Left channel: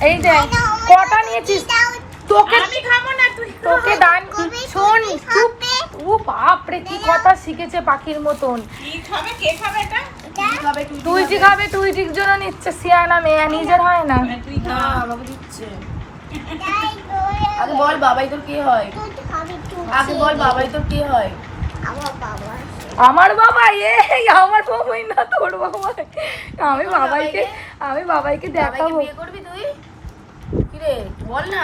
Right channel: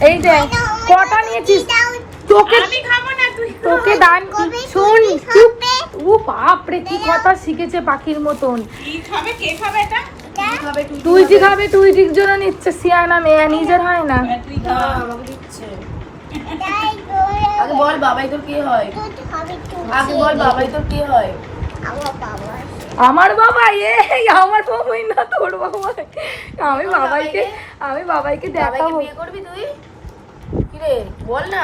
এই যে কটা নিয়েছিস তোকে আমি খাব না তুই তোকে দান কবে শুন চুপ। ও বাপ রে কি কথা শিখেছে পাখির মতন। কি খাবে কে খাবে এটা? তুই খাবে? খাবে তুই ঠিক জন্য নিচ্ছে সিয়ানা মেয়ে নিজের হয় না। তুই খা আমাকে দিচ্ছে। আগে বল বাবাই তোর কে হয়? আগে বল বাবাই তোর কে হয়? আমার বাবা আমার বাবা এই আমার বাবাই না তোর বাবা। আমি বাবাইকে আমি বাবাইকে বাবাইকে বিয়ে করবি তুই? কি রে বল না।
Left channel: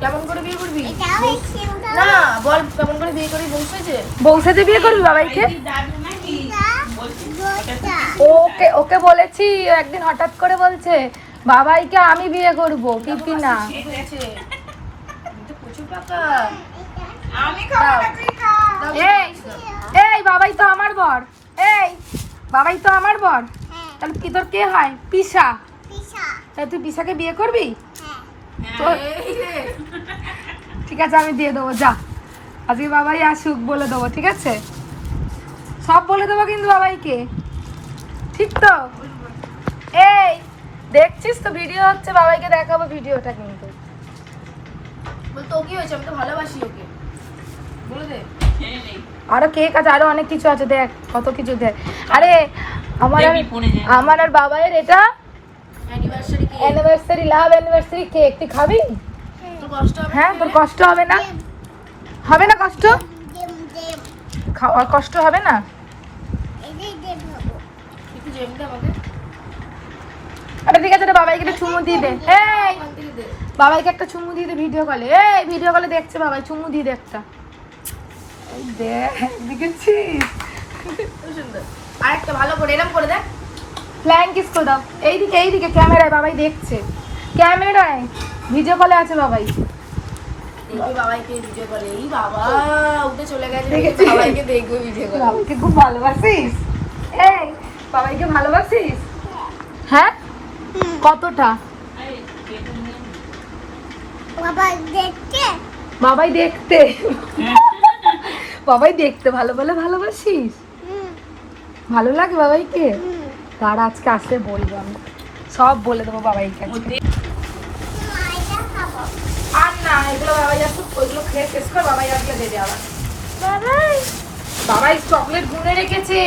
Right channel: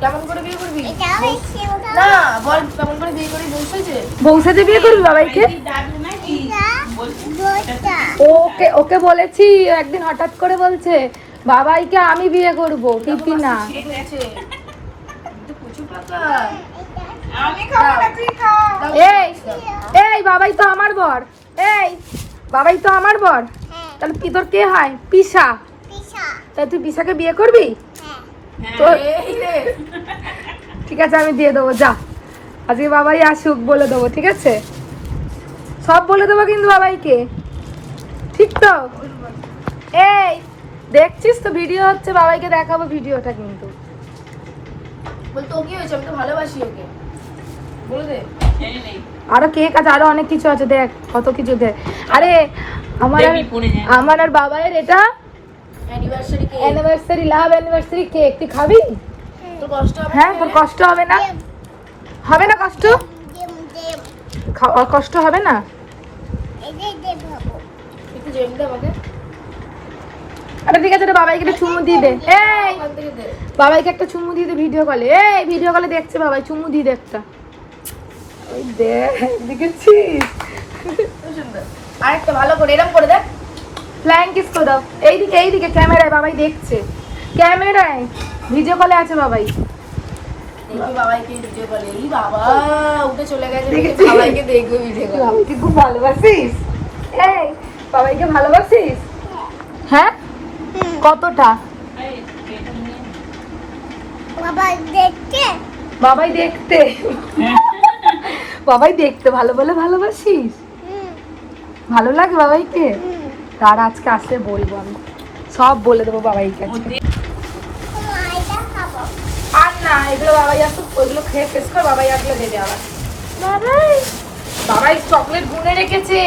কেমন করে বিয়ে করবি? না বল কেমন করে বিয়ে করবি বলছে বংশাতে বিয়ে করবি বাবাইকে? ওকে ওকে বলেছি একদিন হঠাৎ করে বলছে বাবাইকে আমি বিয়ে করব কিন্তু না। প্রচুর পাকা। এই এই বাবাই তো আমার বর। এই বাবাই তো আমার বর। তাহলে কি তোর কে হয়? পিসা। তাই তুই পিসাকে বিয়ে করবি? হ্যাঁ। তো এই রে ঠিক আছে আমি দিয়ে দেবো যা। আজকে বাবাই আসুক বলে দেবো ঠিক আছে? সব বলে দেবো কিন্তু বাবাইকে। ঠিক তো? এই দেখছিস তো ভিডিও হচ্ছে বাবাইকে দেখাবো ভিডিওটা কিন্তু। বল তো কি হয়েছে আমি তো ভালোবাসি ওকে। আরও কেক আছে আরও অনেক কিছু আছে দেখ কত কিছু দেখ। আরে আমার। আমার আর বাবাইয়ের এটা অ্যানিভার্সারি লাভ অ্যানিভার্সারি কেক তুই খাবি? কষ্ট হবে হ্যাঁ তোর কষ্ট হবে না? হবে না কষ্ট? কষ্ট হবে না? আরে ঠিক আছে বাবাইকে একটা চুমু দিয়ে দে। এই বাবাইকে একটা চুমু দিয়ে দে ভিডিও কলে এই ভিডিও কলে দেখছে বাবাই চুমু দিয়ে দে একটা এই দেখ দেখেছিস খুব সুন্দর আরেকটা ভালো করে এরকম করে দেখ। কিস করে দাও। এইদিকে এইদিকে ক্যামেরায় বাবাই দেখছে। ক্যামেরায় ভিডিও কলে আছে বাবাই। ভালোবাসিস? এই বাবাইকে ভালোবাসিস? হ্যাঁ? কতটা? দেখতে বাবাই দেখতে। বাবাই দেখতে ভালো বলে ভালোবাসিস? ভালো লাগে বাবাইকে? তার আজকে আসলে বলব সব বলে দেবো বাবাইকে আজকে। মাইটা খাব আর না এগুলো বাবাই আসুক ওইগুলো খেয়ে শেষ করে বাবাই আসলে দেবে আবার। বাবাই চকলেট গুনে রেখেছে।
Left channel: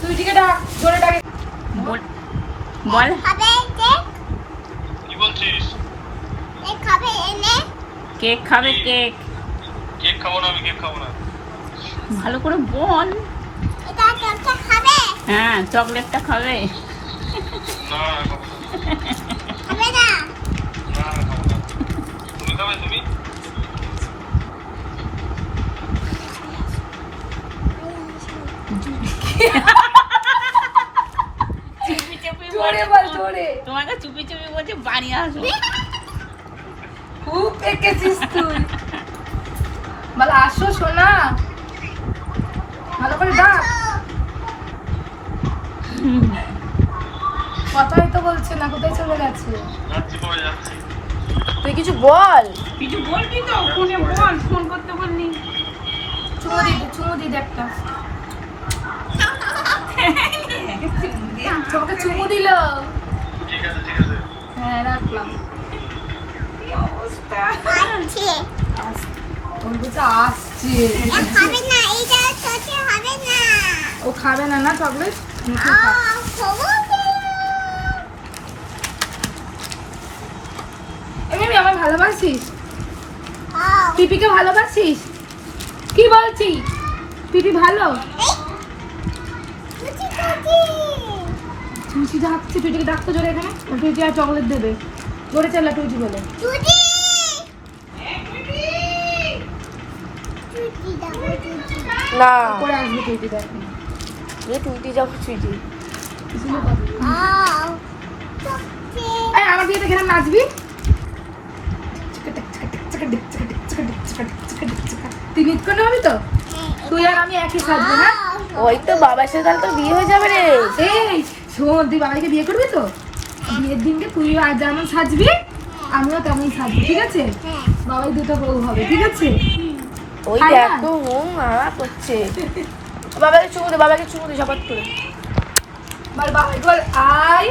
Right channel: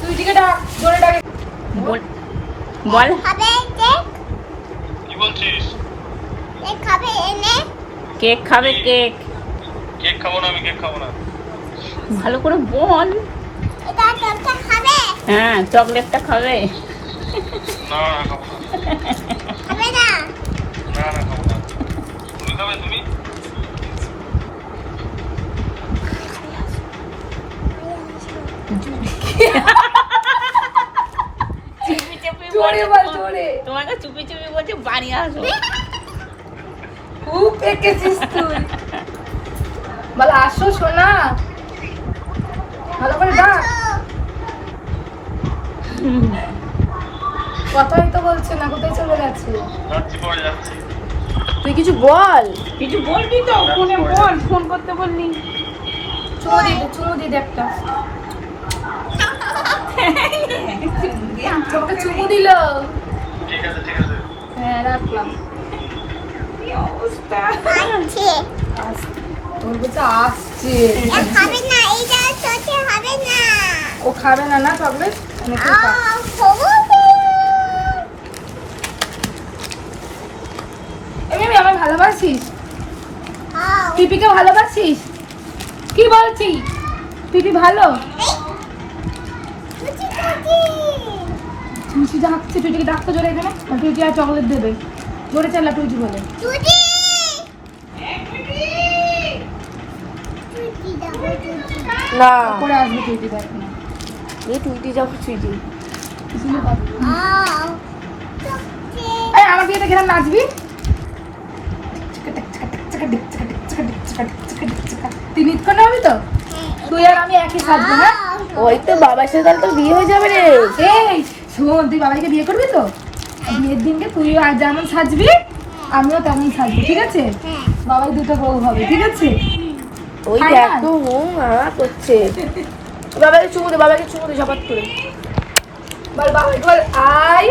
তুই দিকে ডাক জোরে ডাক। বল বল। খাবে খাবে এনে কেক খাবে কেক। কেক খাব না আমি কেক খাব না। ভালো করে বল। এটা তোরটা খাবে। হ্যাঁ চকলেটটা খাবে তোমাকে চুপি চুপি বলছে বাড়ি আসো। খুব পেকেছিস তুই? বল আসো সোনা। ভালো করে ডাক। কথাই তো বলছে না কোথায় চলে গেছে? তুই কিছু বল। কিছু বলবি তো ফোনে বল ফোন করতে বললি। চুমু দিয়ে দে চুমু দিয়ে দে একটা। তোমাকে চুমু দিল। ঠিক আছে ঠিক আছে হ্যাঁ রাখলাম। অবস্থা? আসছে। ও খাবে না না। চকলেট আমার ভালোবাসিস? পিপিকে ভালোবাসিস? কি বলছি? পিপি ভালো? ডাকছে টুচিকে ডাকতে জোরে এখানে। টুচি আর চকলেট দেবে। জোরে চালা টুজি বলে। না পরে আসবে টুচি দেখ এই আমার বিয়েতে নাচবি? তুই পারবি তো? তুই আর আমি একই সাজবো হ্যাঁ? ওই তো বাবার সাথে তো বিয়ে হয়ে যাবে রে। এই শোন তুই বাবাইকে বিয়ে করবি তো? বিয়ের দিনকে তুই আর যেমন সাজবি আমিও তেমন সাজবো ঠিক আছে? বাবাই দুটো বউ হবে ঠিক আছে? করছে। বাবাকে চুমু বাবাকে চুমু ঝপাট করে। বল বাবাই বল আই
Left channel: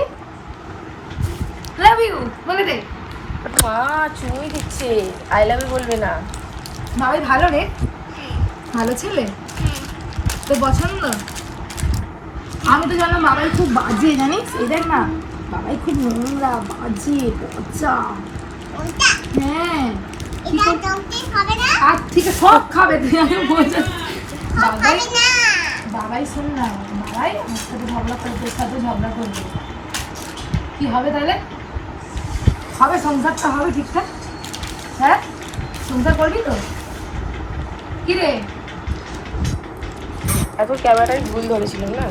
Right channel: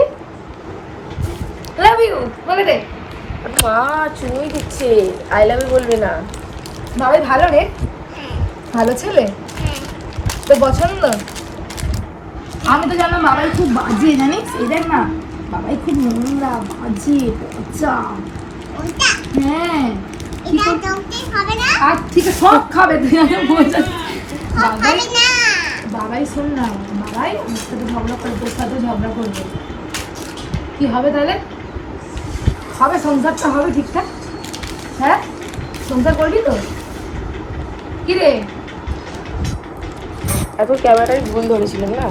লাভ ইউ বলে দে। মা চুমুই দিচ্ছে আই লাভ ইউ বলবি না। বাবাই ভালো রে? ভালো ছেলে? তোর পছন্দ? আমি তো জানলাম বাবাই খুব বাজে জানিস? এই দেখ না বাবাই খুব নোংরা বাজে পচা হ্যাঁ আর ঠিক সব খাবে বাবাই বাবাই শোন না বাবাই আমার সাথে ঝগড়া করে তোর সাথে ঝগড়া করবে। কি হবে তাহলে? হবে সংসারটা হবে ঠিকঠাক? হ্যাঁ? সংসার করবি তো? কি রে? এখন ক্যামেরা বন্ধ হয়েছিল না?